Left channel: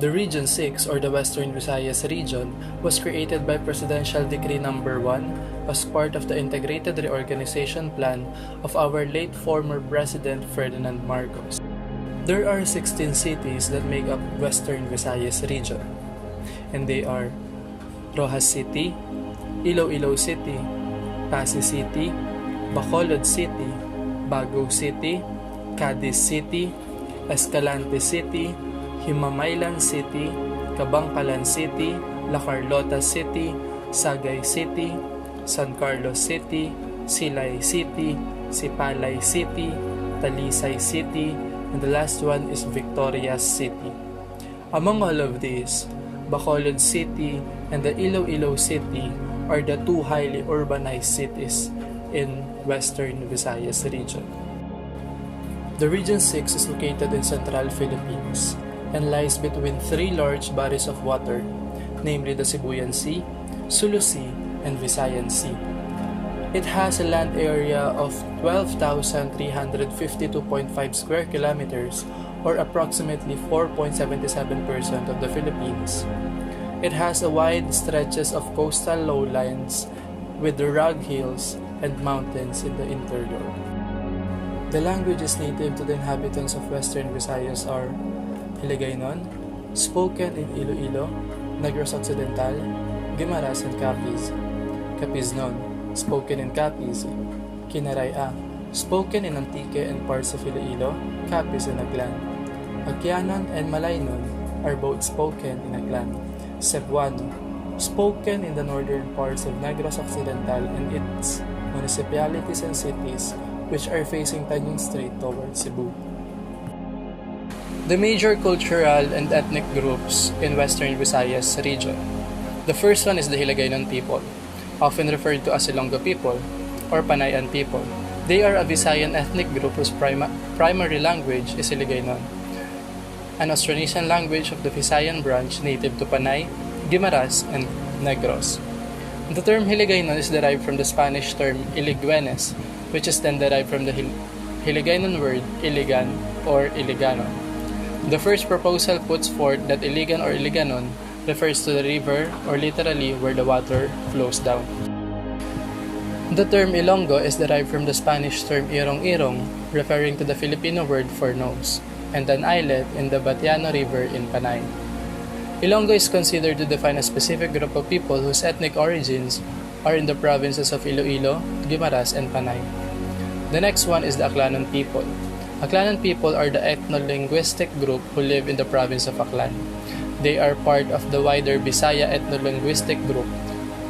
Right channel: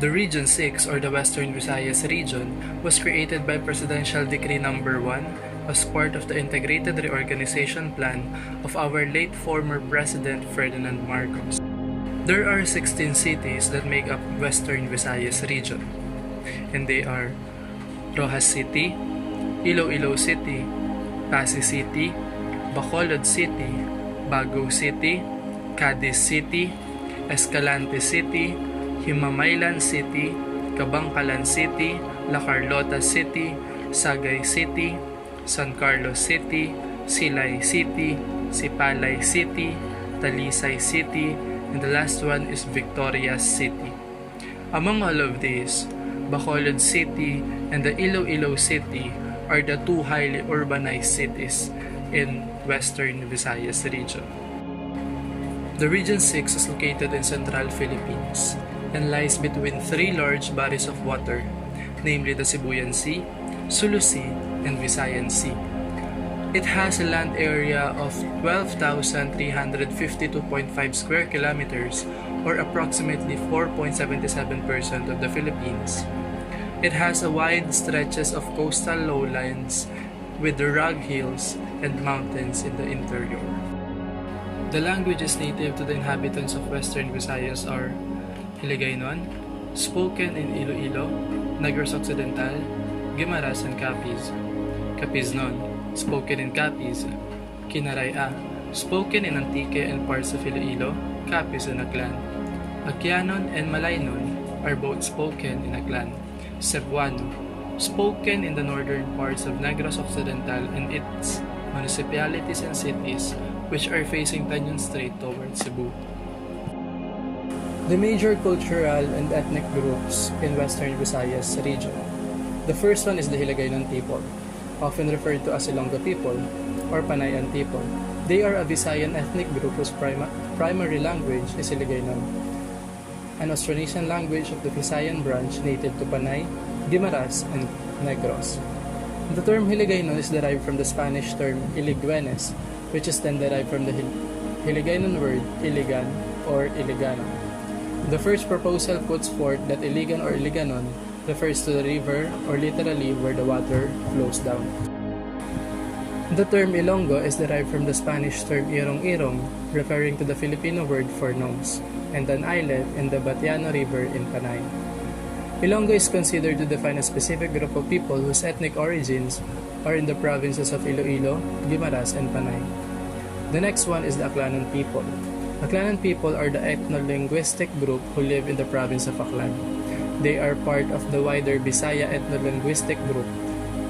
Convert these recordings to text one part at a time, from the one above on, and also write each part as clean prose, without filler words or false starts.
The Region 6 or the Western Visayas region was created by Presidential Decree No. 1 as part of the integrated reorganization plan of our late former President Ferdinand Marcos. There are 16 cities that make up Western Visayas region, and they are Rojas City, Iloilo City, Pasig City, Bacolod City, Baguio City, Cadiz City, Escalante City, Himamaylan City, Kabangkalan City, La Carlota City, Sagay City, San Carlos City, Silay City, Sipalay City, Talisay City, and the last one is Victoria City. Among all of these, Bacolod City and the Iloilo City are the two highly urbanized cities in Western Visayas region. The Region 6 is located in central Philippines and lies between three large bodies of water, namely the Sibuyan Sea, Sulu Sea, and Visayan Sea. It has a land area of 12,352.5 square kilometers, or approximately 4.77% of the Philippines. It has a wide stretches of coastal lowlands with the rugged hills and mountains in the interior. The languages native to the inhabitants of Western Visayas are Hiligaynon, spoken in Iloilo, Negros Occidental, Guimaras, and Capiz. Capiznon, spoken in Capiz. Kinaraya, spoken in Antique and parts of Iloilo, Capiz, and Aklan. Aquianon and Malaynon are both spoken in Aklan. Cebuano, spoken in the northern parts of Negros Occidental and its municipalities and cities which are facing Tanjung Strait towards Cebu. The major cultural and ethnic groups in Western Visayas region. The first one is the Hiligaynon people, often referred to as Ilonggo people or Panayan people. They are a Visayan ethnic group whose primary language is Hiligaynon, an Austronesian language of the Visayan branch native to Panay, Guimaras, and Negros. The term Hiligaynon is derived from the Spanish term Iligüenes, which is then derived from the Hiligaynon word Iligan or Iligano. The first proposal puts forth that Iligan or Iliganon refers to the river or literally where the water flows down. The term Ilonggo is derived from the Spanish term Irong-Irong, referring to the Filipino word for nose, and an islet in the Batiano River in Panay. Ilonggo is considered to define a specific group of people whose ethnic origins are in the provinces of Iloilo, Guimaras, and Panay. The next one is the Aklanon people. Aklanon people are the ethno-linguistic group who live in the province of Aklan. They are part of the wider Bisaya ethno-linguistic group,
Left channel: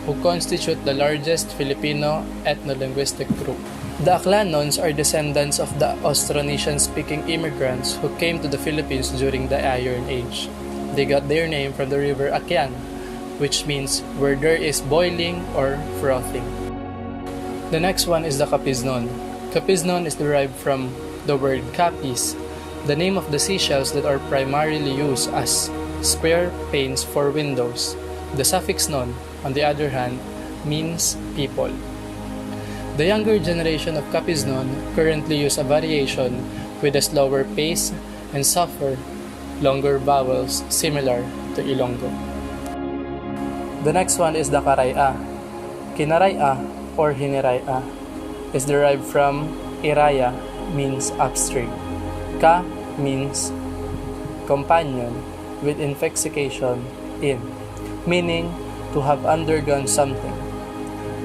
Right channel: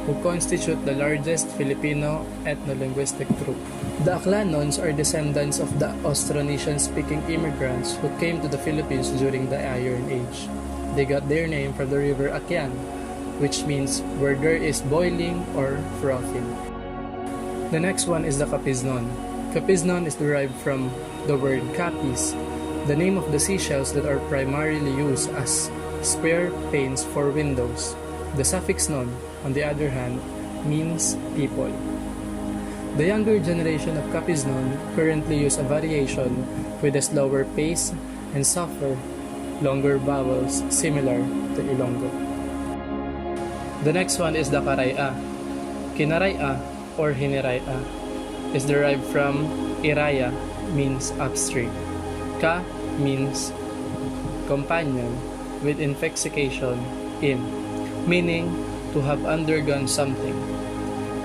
who constitute the largest Filipino ethno-linguistic group. The Aklanons are descendants of the Austronesian-speaking immigrants who came to the Philippines during the Iron Age. They got their name from the river Akian, which means where there is boiling or frothing. The next one is the Capiznon. Capiznon is derived from the word Capiz, the name of the seashells that are primarily used as square panes for windows. The suffix non, on the other hand, means people. The younger generation of Capiznon currently use a variation with a slower pace and softer, longer vowels similar to Ilonggo. The next one is the Karaya. Kinaraya or Hiniraya is derived from Iraya, means upstream. Ka means companion with inflexication in, meaning to have undergone something.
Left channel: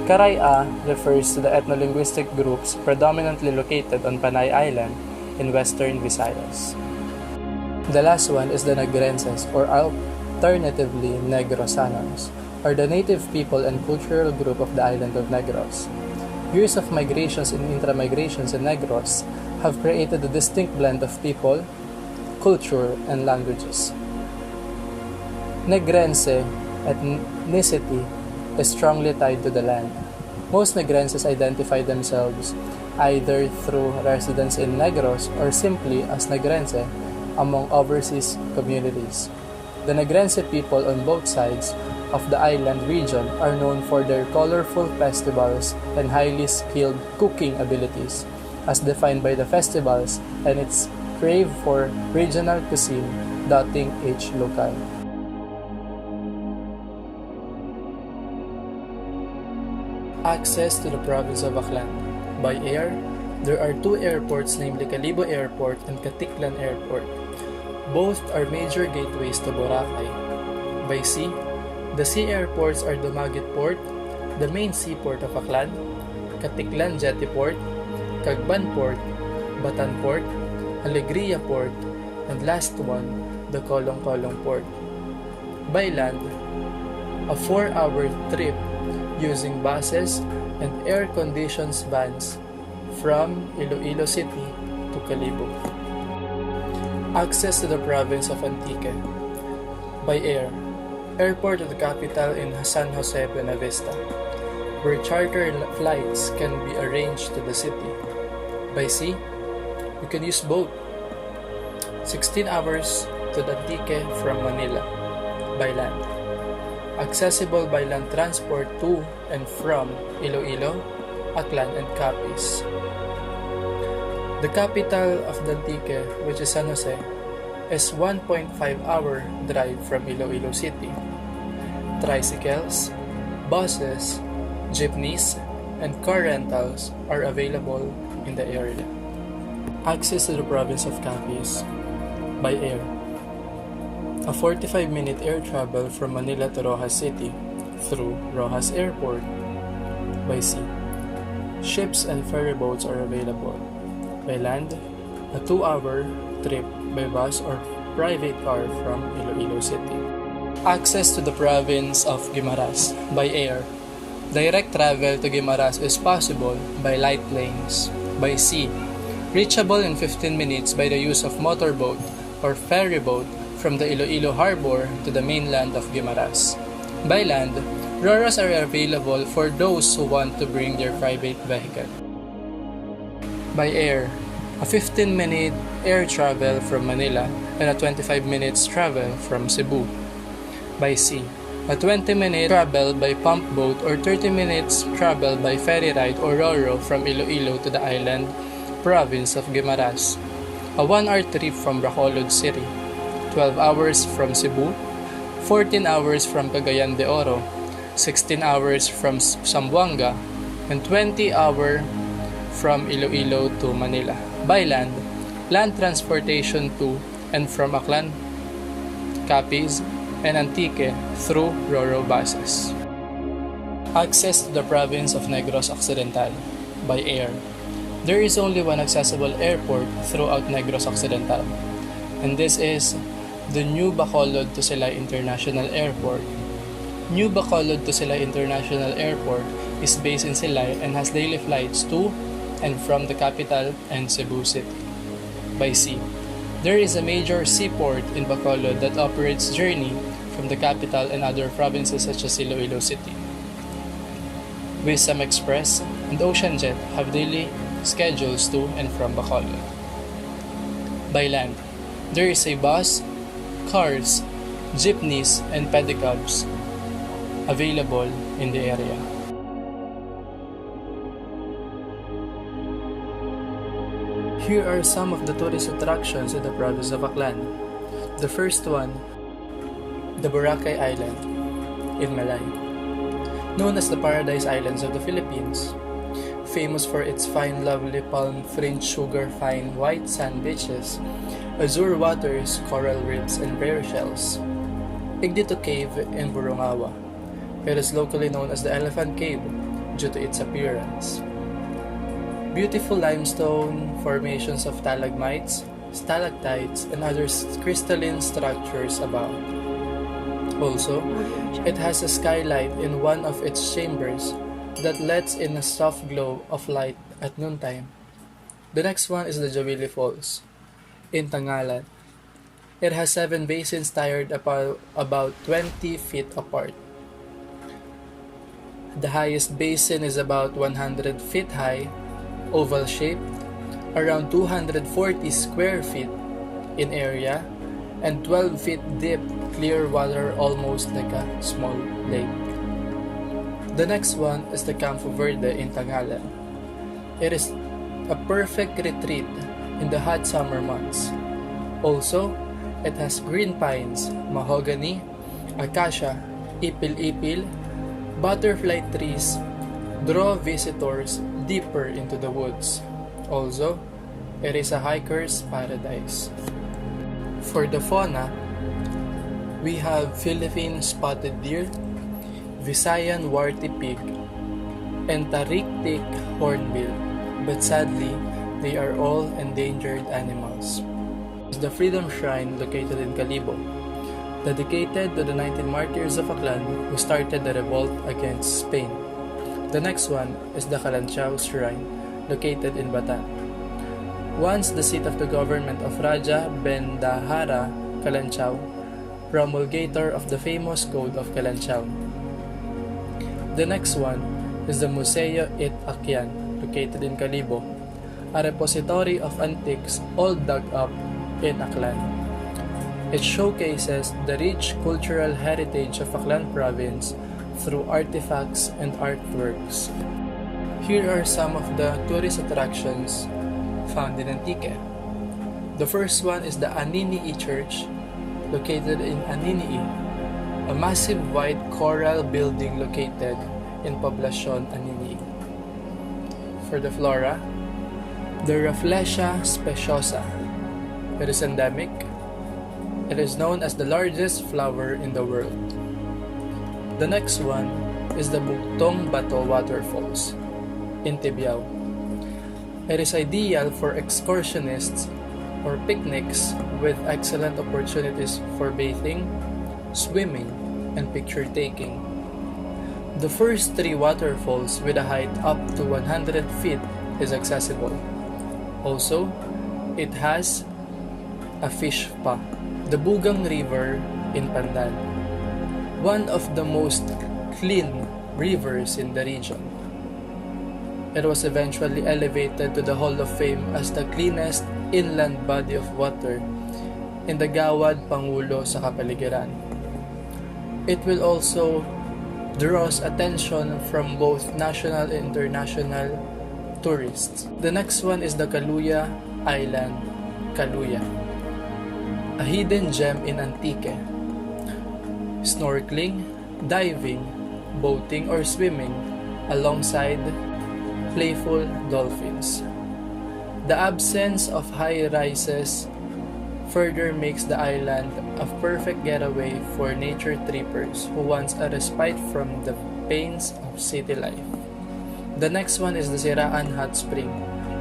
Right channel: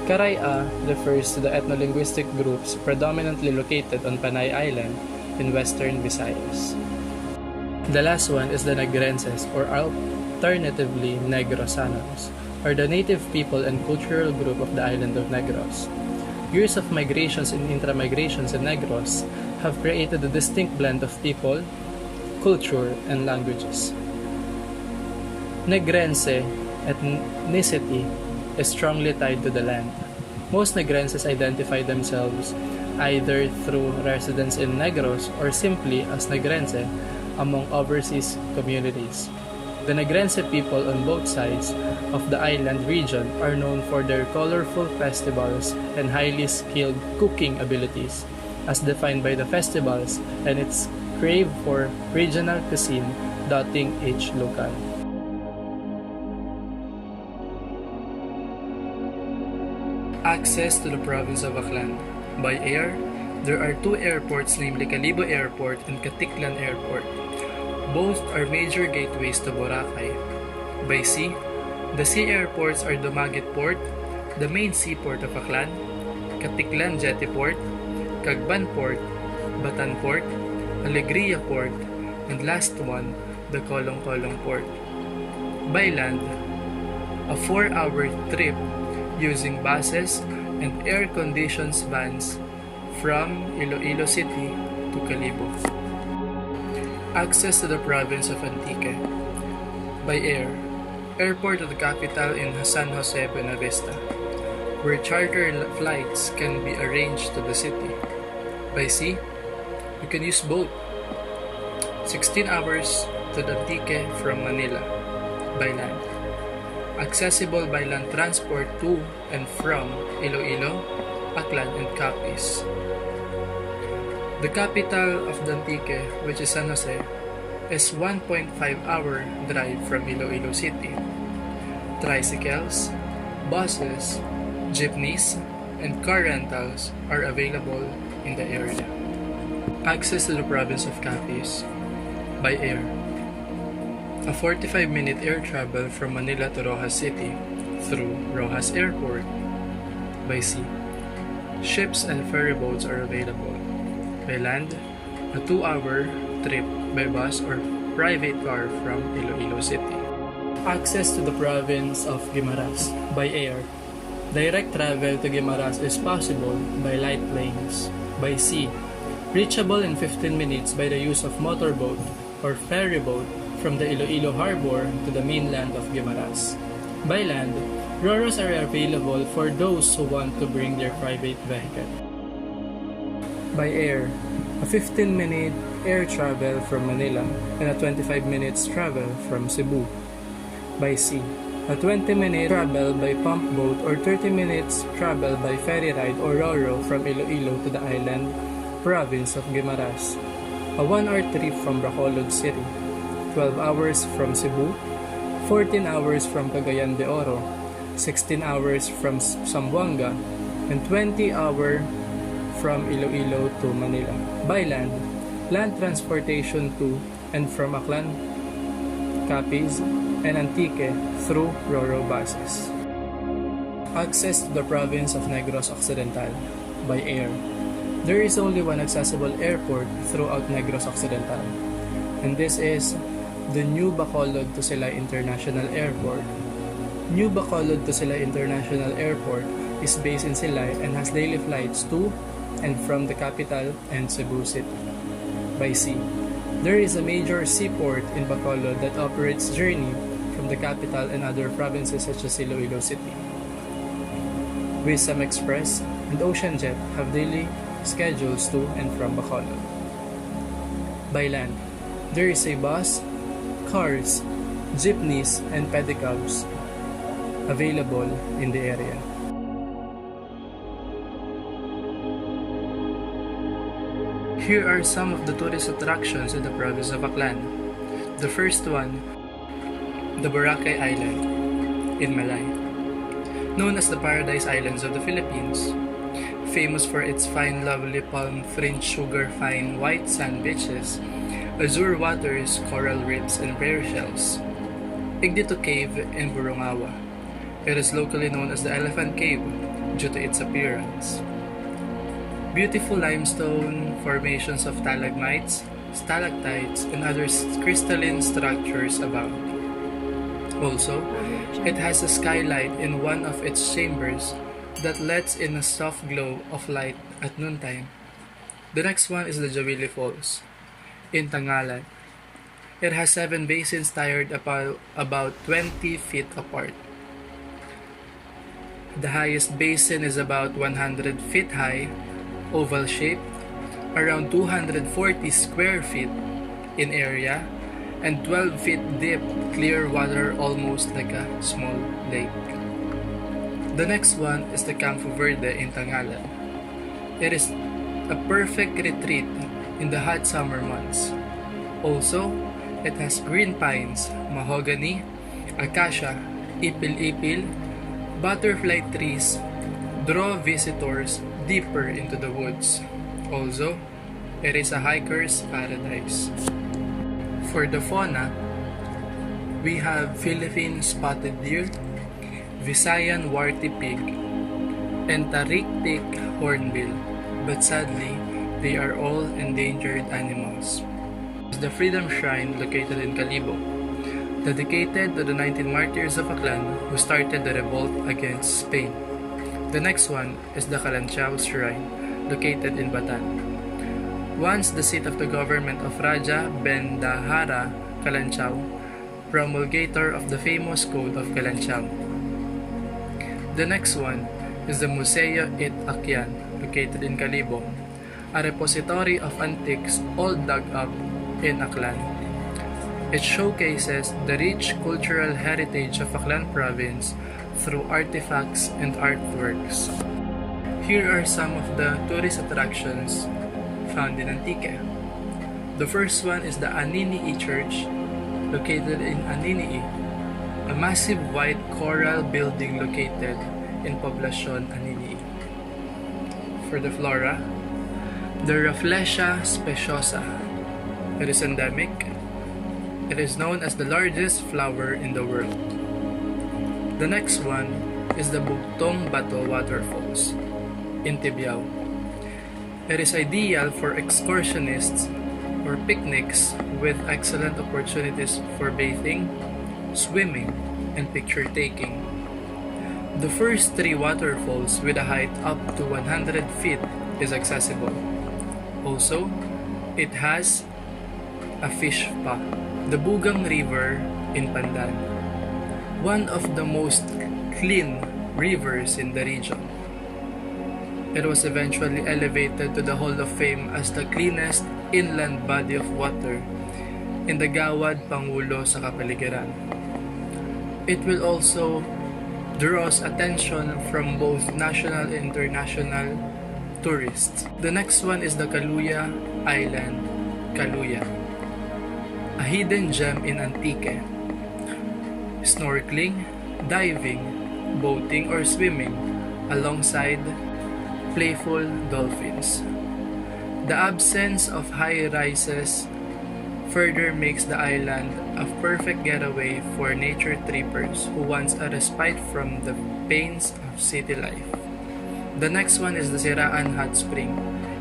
Karaya refers to the ethno-linguistic groups predominantly located on Panay Island in Western Visayas. The last one is the Negrenses, or alternatively Negrosanons, are the native people and cultural group of the island of Negros. Years of migrations and intra-migrations in Negros have created a distinct blend of people, culture, and languages. Negrense ethnicity is strongly tied to the land. Most Negrenses identify themselves either through residence in Negros or simply as Negrense among overseas communities. The Negrense people on both sides of the island region are known for their colorful festivals and highly skilled cooking abilities, as defined by the festivals and its crave for regional cuisine dotting each locale. Access to the province of Aklan. By air, there are two airports, namely Kalibo Airport and Katiklan Airport. Both are major gateways to Boracay. By sea, the sea airports are Dumaguete Port, the main seaport of Aklan, Katiklan Jetty Port, Cagban Port, Batan Port, Alegria Port, and last one, the Kolong-Kolong Port. By land, a 4-hour trip using buses and air-conditioned vans from Iloilo City to Kalibo. Access to the province of Antique. By air, airport of the capital in San Jose, Buena Vista, where charter flights can be arranged to the city. By sea, you can use boat. 16 hours to Antique from Manila. By land, accessible by land transport to and from Iloilo, Aklan, and Capiz. The capital of Antique, which is San Jose, is 1.5-hour drive from Iloilo City. Tricycles, buses, jeepneys, and car rentals are available in the area. Access to the province of Capiz. By air, a 45-minute air travel from Manila to Roxas City through Roxas Airport. By sea, ships and ferry boats are available. By land, a 2-hour trip by bus or private car from Iloilo City. Access to the province of Guimaras. By air, direct travel to Guimaras is possible by light planes. By sea, reachable in 15 minutes by the use of motorboat or ferry boat from the Iloilo Harbor to the mainland of Guimaras. By land, Roros are available for those who want to bring their private vehicle. By air, a 15-minute air travel from Manila and a 25 minutes travel from Cebu. By sea, a 20-minute travel by pump boat or 30 minutes travel by ferry ride or Roro from Iloilo to the island province of Guimaras. A 1-hour trip from Bacolod City, 12 hours from Cebu, 14 hours from Cagayan de Oro, 16 hours from Zamboanga, and 20 hours from Iloilo to Manila. By land, land transportation to and from Aklan, Capiz, and Antique through Roro buses. Access to the province of Negros Occidental. By air, there is only one accessible airport throughout Negros Occidental, and this is the New Bacolod to Silay International Airport. New Bacolod to Silay International Airport is based in Silay and has daily flights to and from the capital and Cebu City. By sea, there is a major seaport in Bacolod that operates journey from the capital and other provinces such as Iloilo City. Wisdom Express and Ocean Jet have daily schedules to and from Bacolod. By land, there is a bus, cars, jeepneys, and pedicabs available in the area. Here are some of the tourist attractions in the province of Aklan. The first one, the Boracay Island in Malay. Known as the Paradise Islands of the Philippines, famous for its fine lovely palm-fringed sugar-fine white sand beaches, azure waters, coral reefs, and rare shells. Igdito Cave in Burungawa. It is locally known as the Elephant Cave due to its appearance. Beautiful limestone formations of stalagmites, stalactites, and other crystalline structures abound. Also, it has a skylight in one of its chambers that lets in a soft glow of light at noontime. The next one is the Jawili Falls in Tangalan. It has 7 basins tied about 20 feet apart. The highest basin is about 100 feet high, oval shaped, around 240 square feet in area, and 12 feet deep, clear water almost like a small lake. The next one is the Campo Verde in Tangalan. It is a perfect retreat in the hot summer months. Also, it has green pines, mahogany, acacia, ipil-ipil, butterfly trees, draw visitors deeper into the woods. Also, it is a hiker's paradise. For the fauna, we have Philippine spotted deer, Visayan warty pig, and Tariktik hornbill, but sadly, they are all endangered animals. The Freedom Shrine located in Calibo, dedicated to the 19 martyrs of Aklan who started the revolt against Spain. The next one is the Kalanchao Shrine, located in Batan. Once the seat of the government of Raja Bendahara Kalanchao, promulgator of the famous Code of Kalanchao. The next one is the Museo It Akyan, located in Calibo, a repository of antiques all dug up in Aklan. It showcases the rich cultural heritage of Aklan province through artifacts and artworks. Here are some of the tourist attractions found in Antique. The first one is the Aninii Church, located in Aninii, a massive white coral building located in Poblacion, Aninii. For the flora, the Rafflesia speciosa. It is endemic. It is known as the largest flower in the world. The next one is the Bugtong Bato Waterfalls in Tibiao. It is ideal for excursionists or picnics with excellent opportunities for bathing, swimming, and picture taking. The first 3 waterfalls with a height up to 100 feet is accessible. Also, it has a fish spa. The Bugang River in Pandan, one of the most clean rivers in the region. It was eventually elevated to the Hall of Fame as the cleanest inland body of water in the Gawad Pangulo sa kapaligiran. It will also draws attention from both national and international tourists. The next one is the Kaluya Island, Kaluya, a hidden gem in Antique. Snorkeling, diving, boating or swimming alongside playful dolphins. The absence of high rises further makes the island a perfect getaway for nature trippers who want a respite from the pains of city life. The next one is the Siraan Hot Spring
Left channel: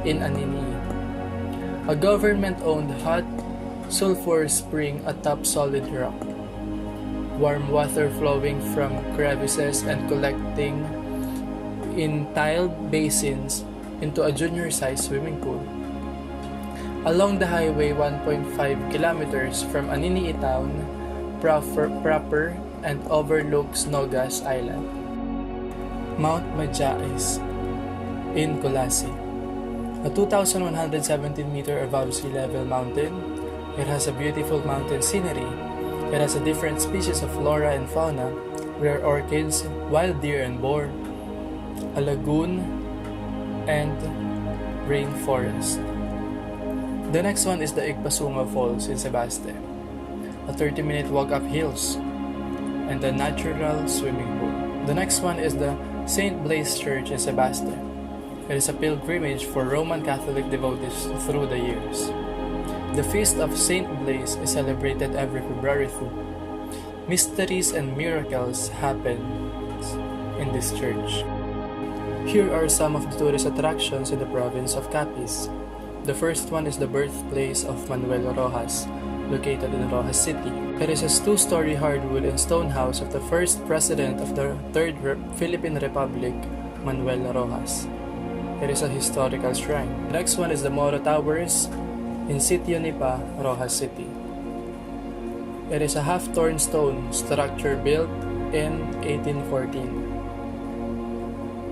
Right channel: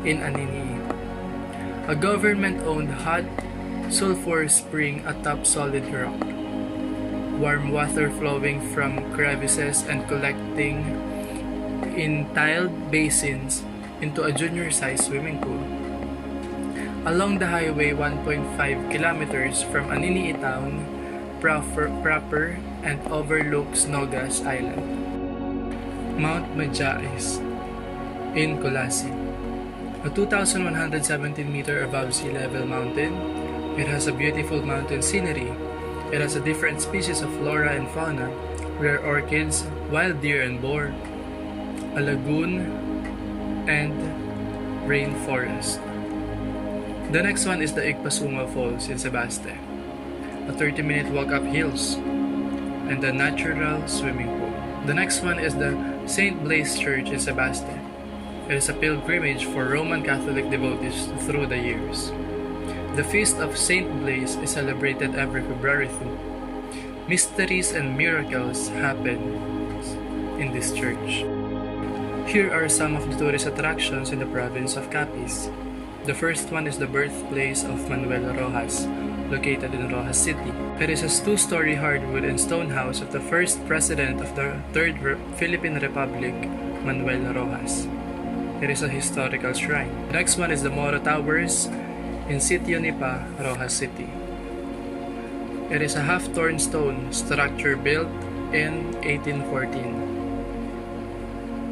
in Aninii, a government-owned hot sulfur spring atop solid rock. Warm water flowing from crevices and collecting in tiled basins into a junior-sized swimming pool. Along the highway 1.5 kilometers from Aninii town proper and overlooks Nogas Island. Mount Majais in Colasi, a 2,117 meter above sea level mountain. It has a beautiful mountain scenery. It has a different species of flora and fauna, rare orchids, wild deer and boar, a lagoon, and rainforest. The next one is the Igpasunga Falls in Sebaste, a 30-minute walk up hills, and a natural swimming pool. The next one is the St. Blaise Church in Sebaste. It is a pilgrimage for Roman Catholic devotees through the years. The feast of St. Blaise is celebrated every February 2. Mysteries and miracles happen in this church. Here are some of the tourist attractions in the province of Capiz. The first one is the birthplace of Manuel Rojas, located in Rojas City. It is a 2-story hardwood and stone house of the first president of the Third Philippine Republic, Manuel Rojas. It is a historical shrine. The next one is the Moro Towers in Sitio Nipa, Rojas City. It is a half-torn stone structure built in 1814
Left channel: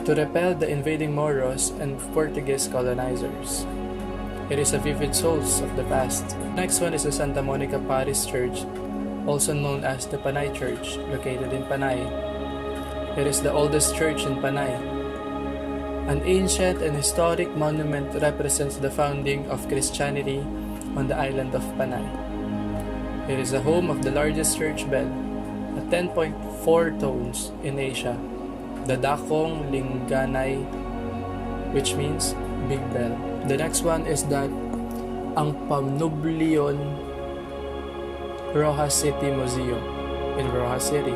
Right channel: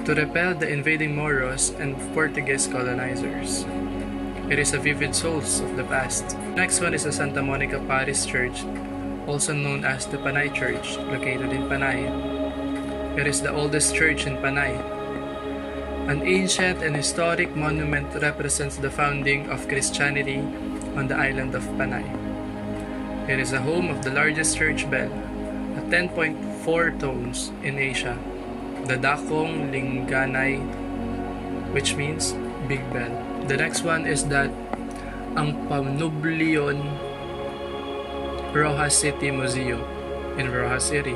to repel the invading Moros and Portuguese colonizers. It is a vivid source of the past. Next one is the Santa Monica Parish Church, also known as the Panay Church, located in Panay. It is the oldest church in Panay. An ancient and historic monument represents the founding of Christianity on the island of Panay. It is the home of the largest church bell, at 10.4 tones in Asia, the Dakong Lingganay, which means big bell. The next one is that ang Panublion Rojas City Museum in Rojas City.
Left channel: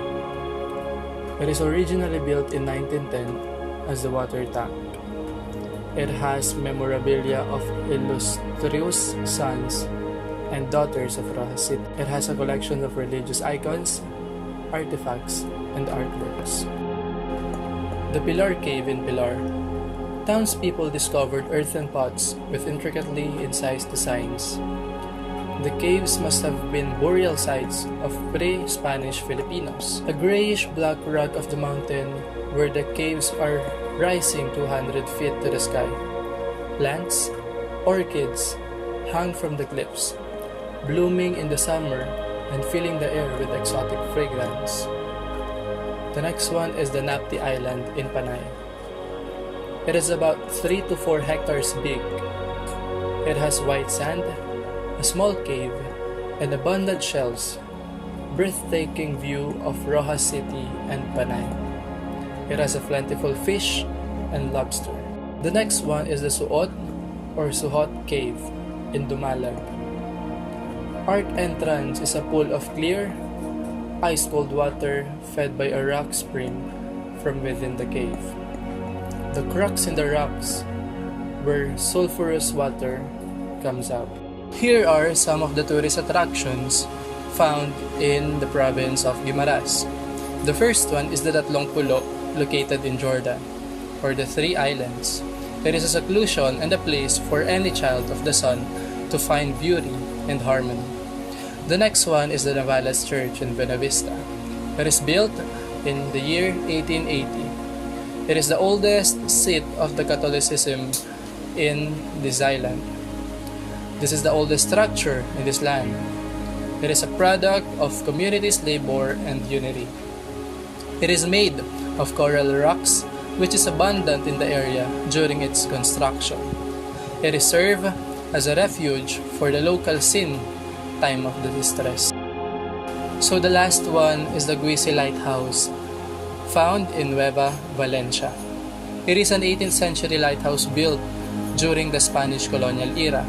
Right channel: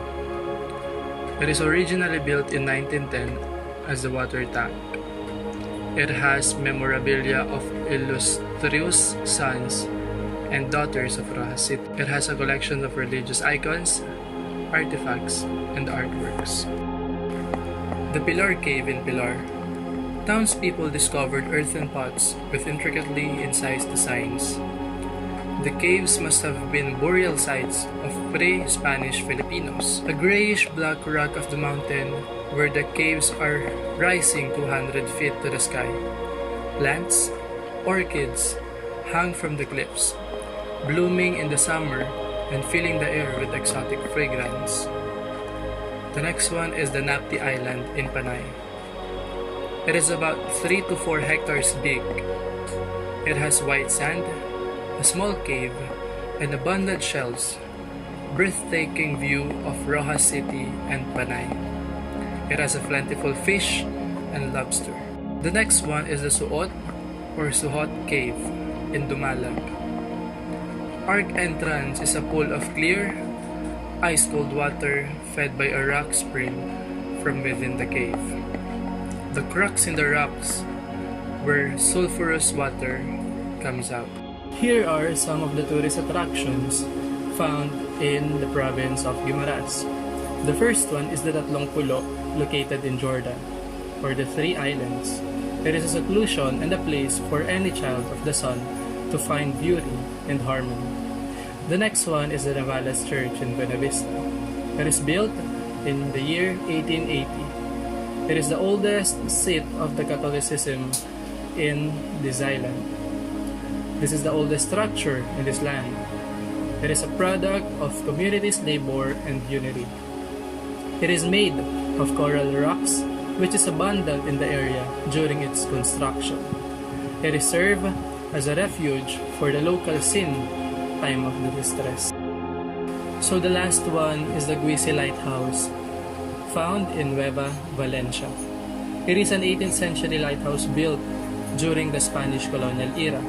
It is originally built in 1910 as the water tank. It has memorabilia of illustrious sons and daughters of Rojas City. It has a collection of religious icons, artifacts, and artworks. The Pilar Cave in Pilar. Townspeople discovered earthen pots with intricately incised designs. The caves must have been burial sites of pre-Spanish Filipinos. A grayish-black rock of the mountain where the caves are rising 200 feet to the sky. Plants, orchids, hang from the cliffs, blooming in the summer and filling the air with exotic fragrance. The next one is the Napti Island in Panay. It is about 3 to 4 hectares big. It has white sand, a small cave, and abundant shells, breathtaking view of Rojas City and Panay. It has a plentiful fish and lobster. The next one is the Suot or Suhot Cave in Dumalag. Arc entrance is a pool of clear, ice-cold water fed by a rock spring from within the cave. The cracks in the rocks where sulfurous water comes out. Here are some of the tourist attractions found in the province of Guimaras. The first one is the Tatlong Pulo, located in Jordan, or the Three Islands. It is a seclusion and a place for any child of the sun to find beauty and harmony. The next one is the Navales Church in Buena Vista. It is built in the year 1880. It is the oldest seat of the Catholicism in this island. This is the oldest structure in this land. It is a product of community's labor and unity. It is made of coral rocks, which is abundant in the area during its construction. It is served as a refuge for the local sin time of the distress. So the last one is the Guisi Lighthouse, found in Nueva Valencia. It is an 18th century lighthouse built during the Spanish colonial era.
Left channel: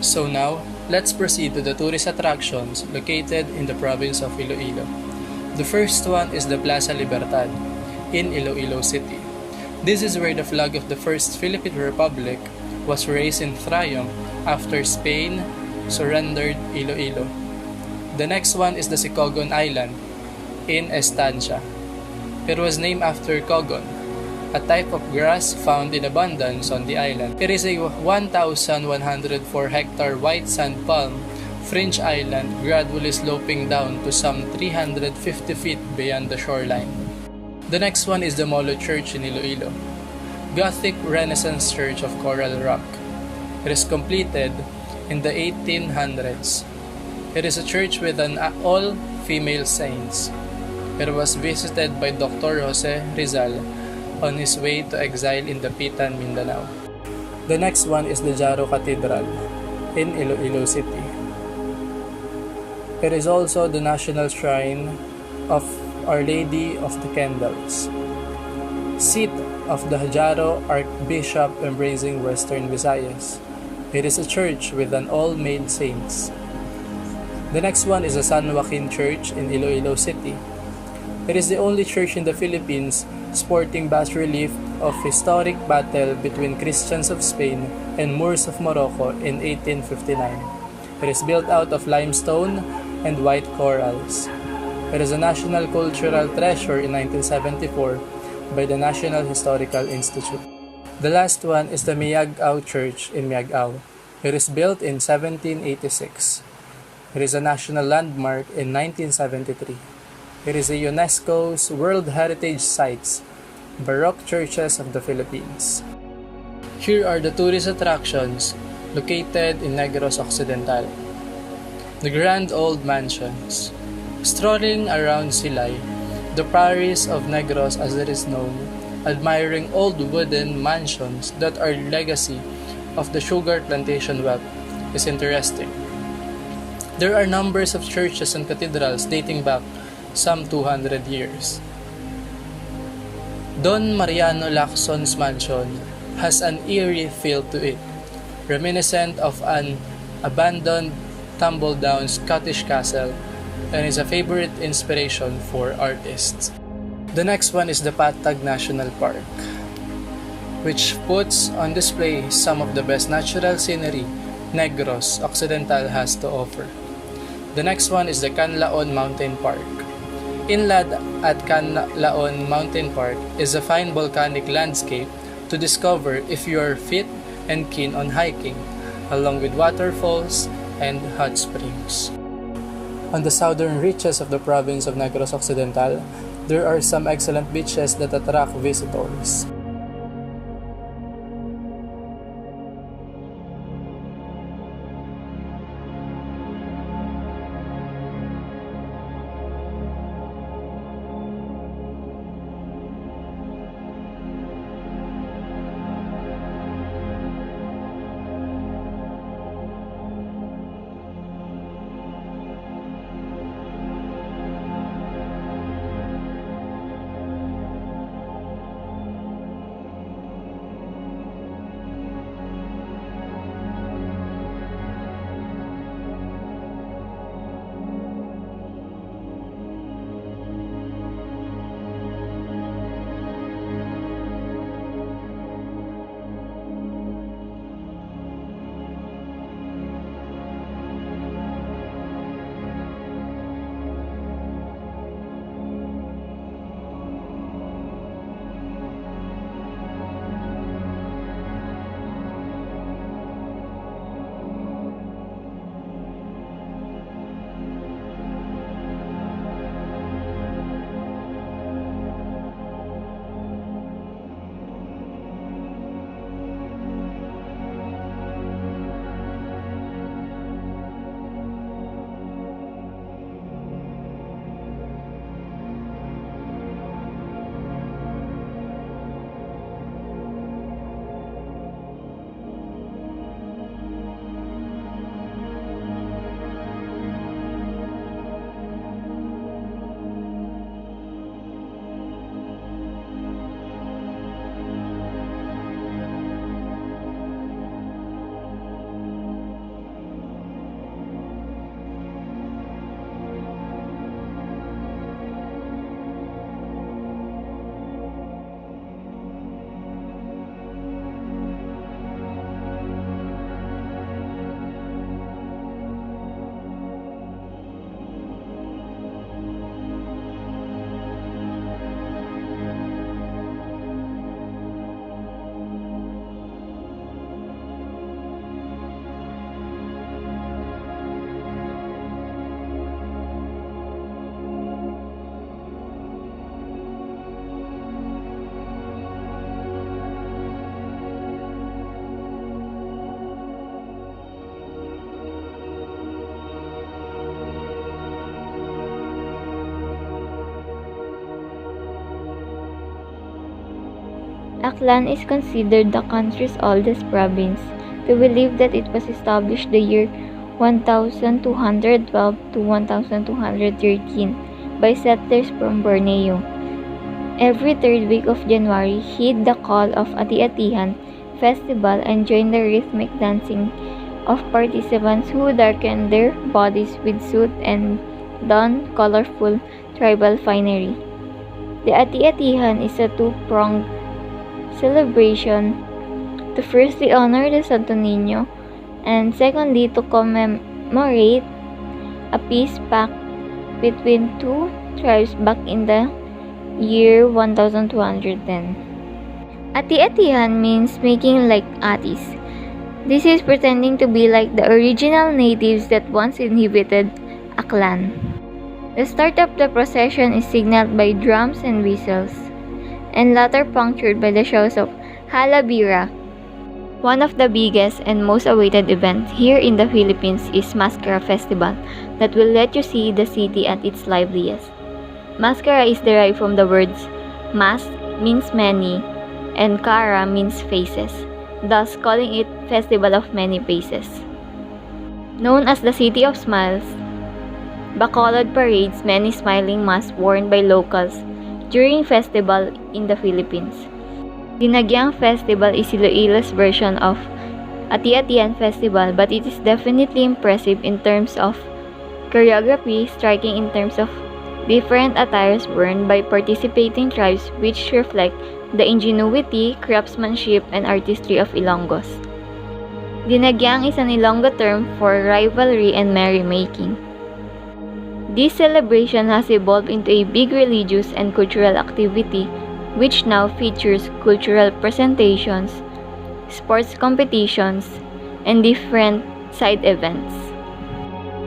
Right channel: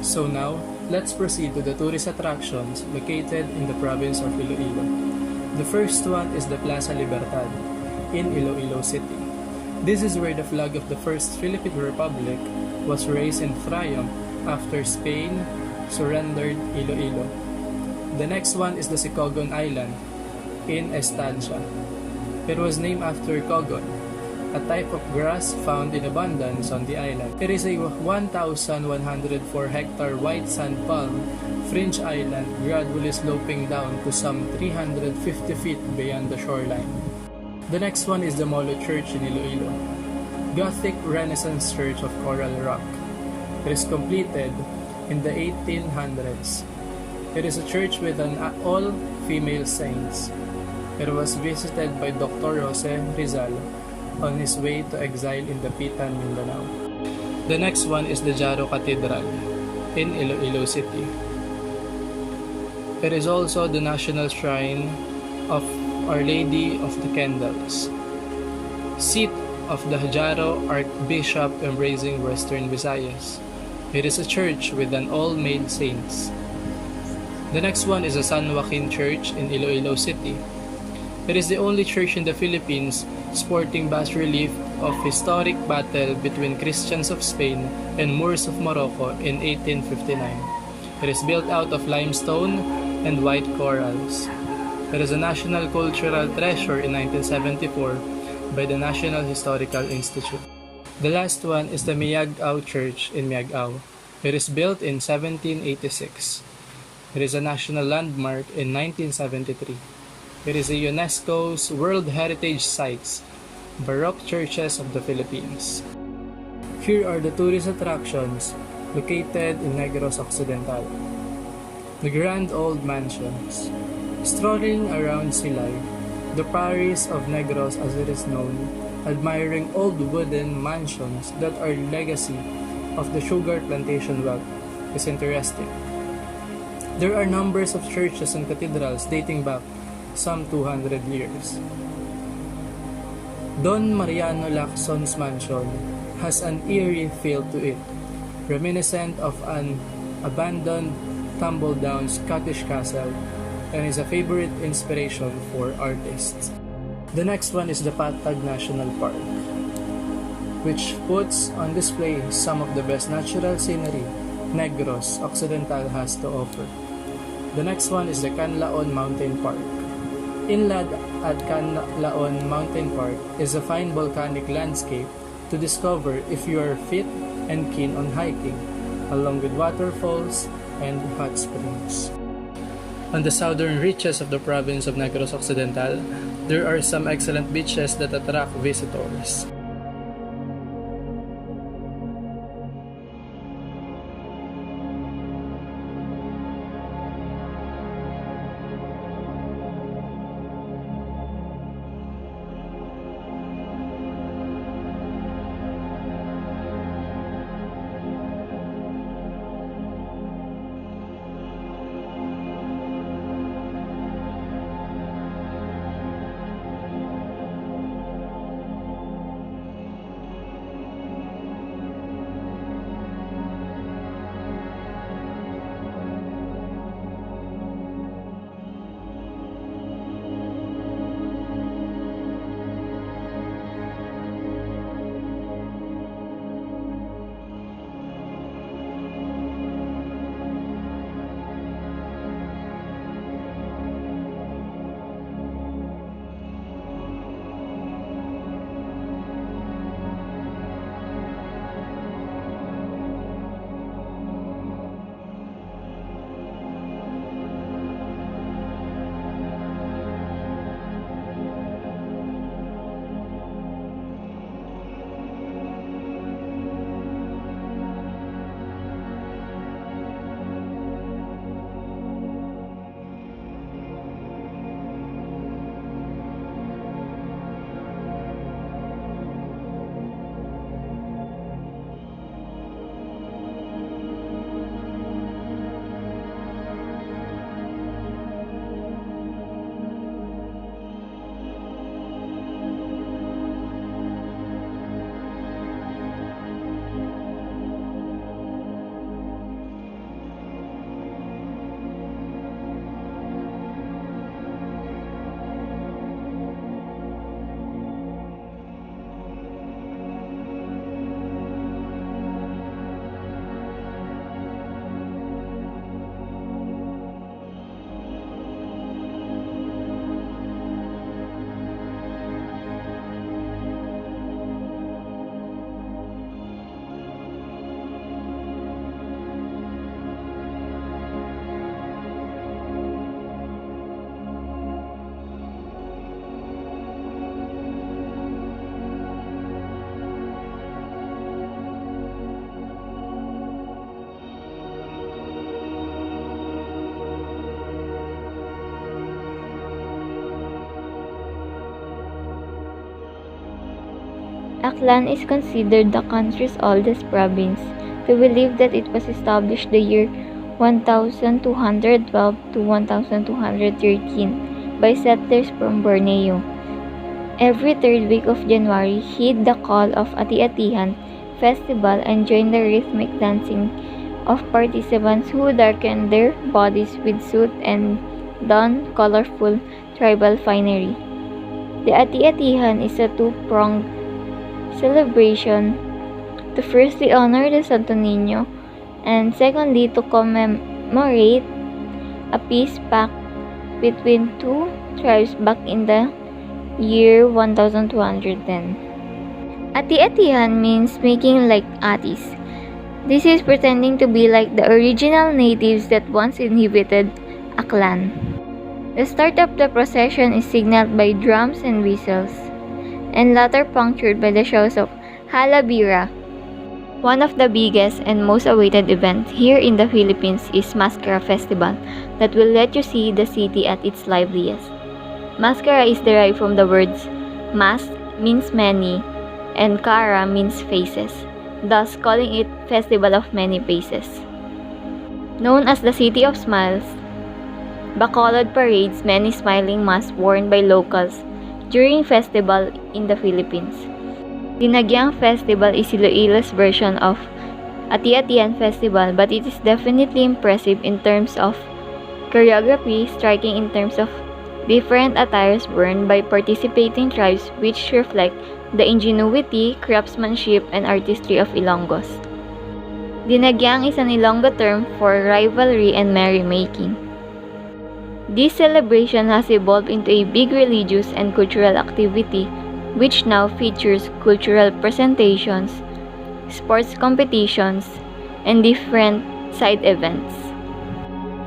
So now, let's proceed to the tourist attractions located in the province of Iloilo. The first one is the Plaza Libertad in Iloilo City. This is where the flag of the First Philippine Republic was raised in triumph after Spain surrendered Iloilo. The next one is the Sicogon Island in Estancia. It was named after cogon, a type of grass found in abundance on the island. It is a 1,104 hectare white sand palm fringe island gradually sloping down to some 350 feet beyond the shoreline. The next one is the Molo Church in Iloilo, Gothic Renaissance church of coral rock. It is completed in the 1800s. It is a church with an all-female saints. It was visited by Dr. Jose Rizal on his way to exile in Dapitan, Mindanao. The next one is the Jaro Cathedral in Iloilo City. It is also the national shrine of Our Lady of the Candles, seat of the Jaro Archbishop embracing Western Visayas. It is a church with an all-male saints. The next one is the San Joaquin Church in Iloilo City. It is the only church in the Philippines sporting bas-relief of historic battle between Christians of Spain and Moors of Morocco in 1859. It is built out of limestone and white corals. It is a national cultural treasure in 1974 by the National Historical Institute. The last one is the Miagao Church in Miagao. It is built in 1786. It is a national landmark in 1973. It is a UNESCO's World Heritage Sites, Baroque Churches of the Philippines. Here are the tourist attractions located in Negros Occidental. The Grand Old Mansions. Strolling around Silay, the Paris of Negros as it is known, admiring old wooden mansions that are legacy of the sugar plantation wealth is interesting. There are numbers of churches and cathedrals dating back some 200 years. Don Mariano Lacson's mansion has an eerie feel to it, reminiscent of an abandoned, tumble-down Scottish castle, and is a favorite inspiration for artists. The next one is the Patag National Park, which puts on display some of the best natural scenery Negros Occidental has to offer. The next one is the Canlaon Mountain Park. Inland at Canlaon Mountain Park is a fine volcanic landscape to discover if you are fit and keen on hiking, along with waterfalls and hot springs. On the southern reaches of the province of Negros Occidental, there are some excellent beaches that attract visitors. Aklan is considered the country's oldest province. We believe that it was established the year 1212 to 1213 by settlers from Borneo. Every third week of January, heed the call of Ati-Atihan festival and join the rhythmic dancing of participants who darken their bodies with soot and don colorful tribal finery. The Ati-Atihan is a two-pronged celebration to firstly honor the Santo Niño and secondly to commemorate a peace pact between two tribes back in the year 1210. Ati-Atihan means making like atis. This is pretending to be like the original natives that once inhabited Aklan. The start of the procession is signaled by drums and whistles, and later punctured by the shows of Halabira. One of the biggest and most awaited events here in the Philippines is Mascara Festival that will let you see the city at its liveliest. Mascara is derived from the words mask means many, and Kara means faces, thus calling it Festival of Many Faces. Known as the City of Smiles, Bacolod parades many smiling masks worn by locals during festival in the Philippines. Dinagyang Festival is Iloilo's version of Ati-Atian Festival, but it is definitely impressive in terms of choreography, striking in terms of different attires worn by participating tribes which reflect the ingenuity, craftsmanship, and artistry of Ilonggos. Dinagyang is an Ilonggo term for rivalry and merrymaking. This celebration has evolved into a big religious and cultural activity which now features cultural presentations, sports competitions, and different side events.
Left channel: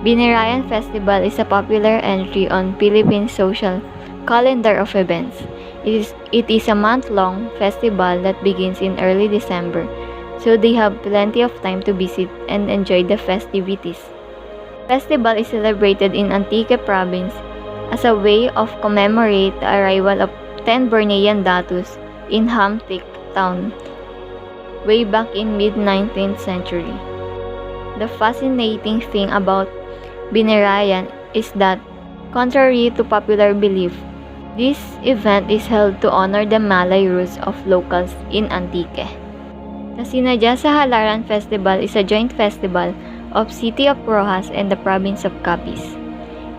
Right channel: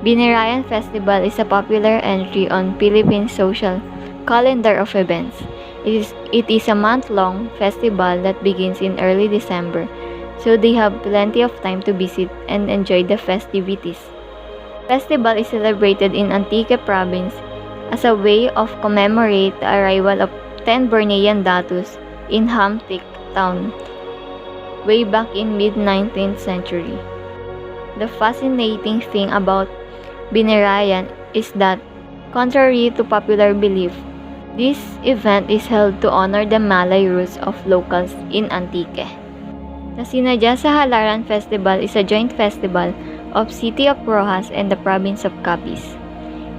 Binirayan Festival is a popular entry on Philippine social calendar of events. It is a month-long festival that begins in early December, so they have plenty of time to visit and enjoy the festivities. The festival is celebrated in Antique Province as a way of commemorate the arrival of 10 Bornean datus in Hamtic town way back in mid-19th century. The fascinating thing about Binirayan is that, contrary to popular belief, this event is held to honor the Malay roots of locals in Antique. The Sinadya sa Halaran Festival is a joint festival of City of Roxas and the province of Capiz.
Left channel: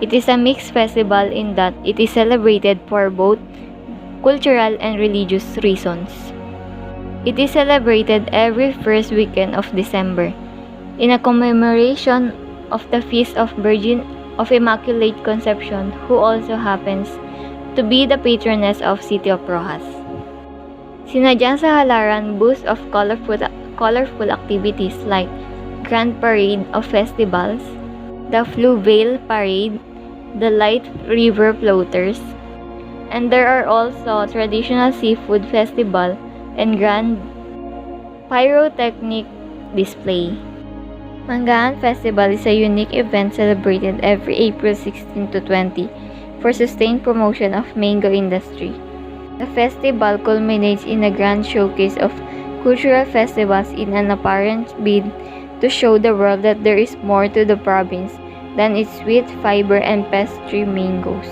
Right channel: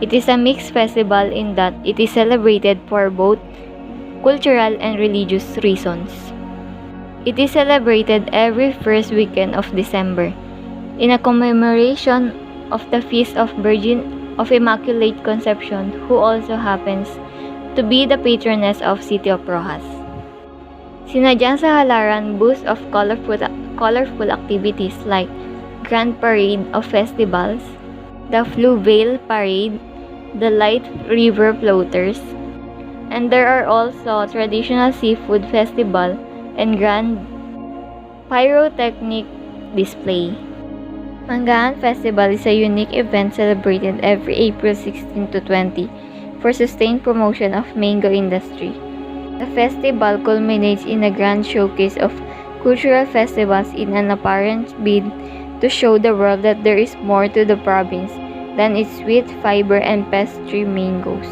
It is a mixed festival in that it is celebrated for both cultural and religious reasons. It is celebrated every first weekend of December in a commemoration of the Feast of Virgin of Immaculate Conception, who also happens to be the patroness of City of Roxas. Sinadyang sa Halaran boasts of colorful activities like Grand Parade of Festivals, the Fluvial Parade, the Light River Floaters, and there are also traditional seafood festival and grand pyrotechnic display. Manggahan Festival is a unique event celebrated every April 16 to 20 for sustained promotion of mango industry. The festival culminates in a grand showcase of cultural festivals in an apparent bid to show the world that there is more to the province than its sweet fiber and pastry mangoes.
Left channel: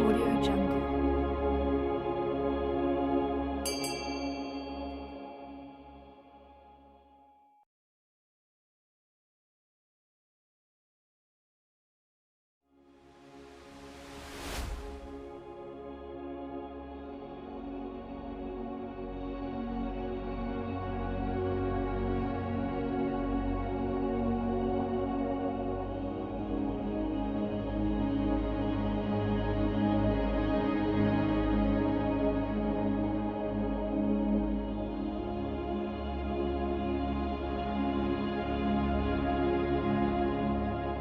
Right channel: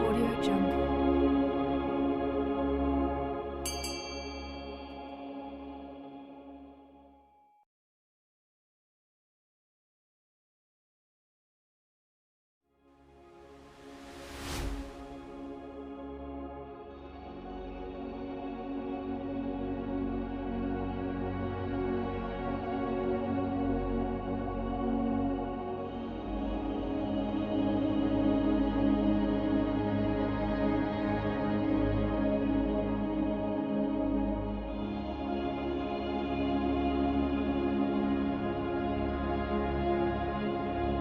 Audio Jungle.